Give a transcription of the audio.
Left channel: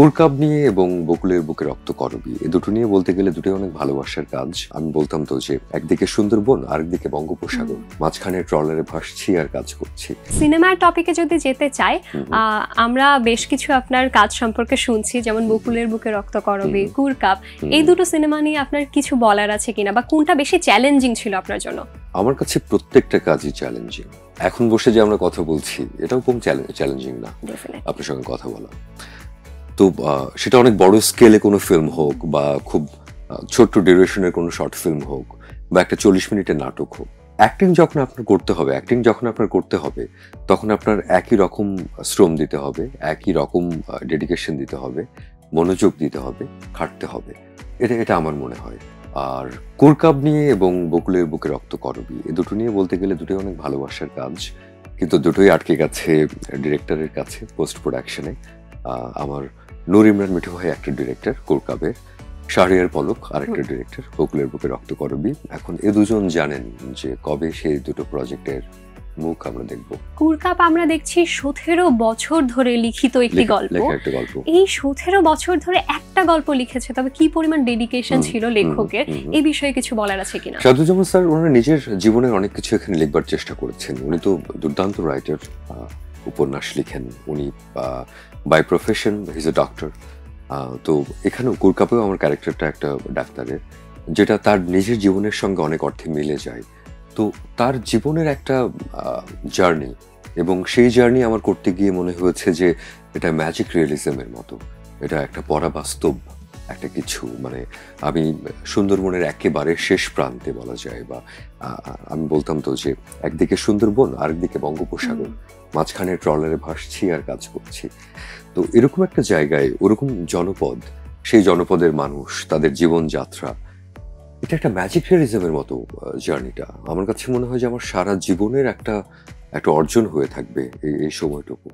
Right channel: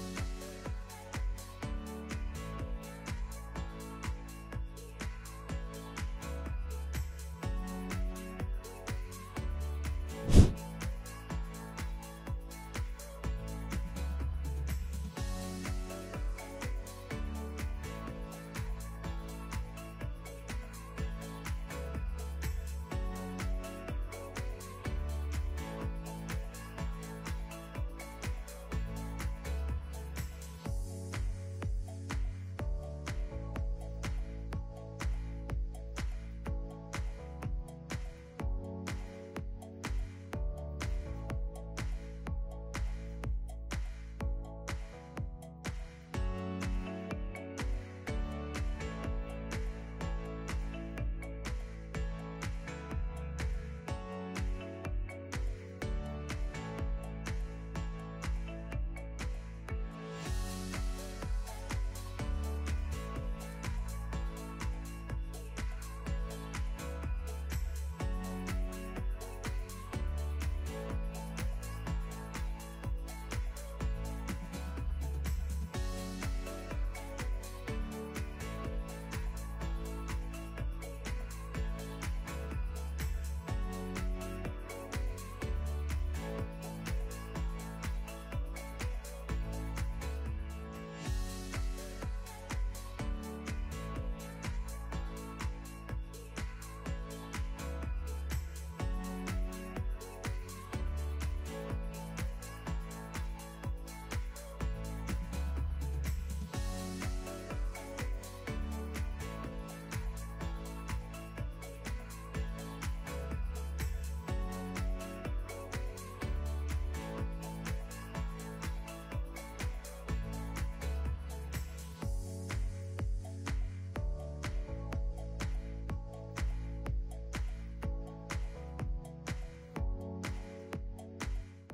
কোরকাব নিয়ে এবং বকুলের বুকে রক্ত করবী এ দুটো নিয়ে বলতে গেলে দুটোই অনেক ভালোবাসার কাজ। আমি বলতাম তো যে একদিকে সুন্দরবন আরেকদিকে বঙ্গোপসাগর, মাঝখানে ট্রলারে ভাসছি আর কাজ করছি। সিনেমার টপিকে যদি যেতে চাই, আমরা বেশ কিছু আপনার কাজ সম্পর্কে শুনছি, যেমন বকুলের বুকে রক্ত করবী, কোরকাব, এই দুটো সিনেমা নিয়ে আপনার কিছু বলার আছে কিনা, বা কোনটা বেশি চ্যালেঞ্জিং ছিল আপনার জন্য? আমার কাছে প্রত্যেকটা কাজই চ্যালেঞ্জিং। এখন বসে যে আমরা কথা বলছি এটাও কম চ্যালেঞ্জিং না আপনার সঙ্গে কথা বলা। তো সেটা অনেক বড় স্কেলে কোনো ফিল্ম হোক বা খুব ছোট্ট ডিউরেশনের কোনো শর্ট ফিল্ম হোক বা একটা 40 মিনিটের নাটক হোক, অ্যাক্টিং যখন আপনার করতে হবে তখন আপনার একই রকম শ্রম দিতে হবে, একই রকম ডেডিকেশন দিতে হবে, মনোযোগ দিতে হবে, খাটতে হবে। এটা আমার মনে হয়। আর কোরকাব নিয়ে এবং বকুলের বুকে রক্ত করবী এ দুটো নিয়ে বলতে গেলে দুটোই অনেক ভালোবাসার কাজ, কিন্তু দুটোই আটকে গেছে ডিরেক্টরের কাছে পোস্ট প্রোডাকশনে। আমার নূর ইমরান মিঠু ভাই একটা ডিরেক্টর কোরকাবের, শাহরিয়ার পলক আরেকটা ডিরেক্টর বকুলের বুকে রক্ত করবী। এখন এ দুজন জানেন যে কবে সেই দুটো প্রজেক্টের মুখ আমরা দেখব। কোরকাব আমরা দেখছি 17 বছর ধরে লিখিত একটি গল্প। এই 17 বছর ধরে একটা গল্প লিখেছে, তবে কি পরিমাণ ডেডিকেশন ছিল লেখকের, এই বিষয়ে কিছু বলার আছে কিনা? সাদুজ্জামান স্যার ওনার নিজের জীবনের অনেক কিছু এখানে লিখবার চেষ্টা করেছেন। উনি তো দুর্দান্ত রাইটার, উপন্যাস লিখেন উনি, by profession is a doctor. তো এখানেও কোরকাবেও আমার ক্যারেক্টারটা একটা ডাক্তারের, যেটা তার নিজের জীবনের সঙ্গে অনেক অর্থে মিলে যায়। তো তার জীবনের একটা জার্নি, এবং সেই জার্নি আমার করতে গিয়ে মনে হয়েছে যে এটা ম্যাজিক রিয়েলিজমের মতো, এটা একটা পরাবাস্তব একটা কিছু। মানে আমি সুন্দরবনের একেবারে শেষ প্রান্তে বলা যায়, বা আমি বলতাম তো যে একদিকে সুন্দরবন আরেকদিকে বঙ্গোপসাগর, মাঝখানে ট্রলারে ভাসছি আর কাজ করছি। তো এরকম একটা জায়গায় ওরকম জনপদ, সেই জনপদের মানুষ, তাদের জীবনযাত্রা, এটা একটা ম্যাজিক রিয়েলিজমের মতো জার্নিটা। আমার কাছে মনে হয় যে আমার সারা জীবনের একটা অর্জন হয়ে থাকবে এই সময়টুকু।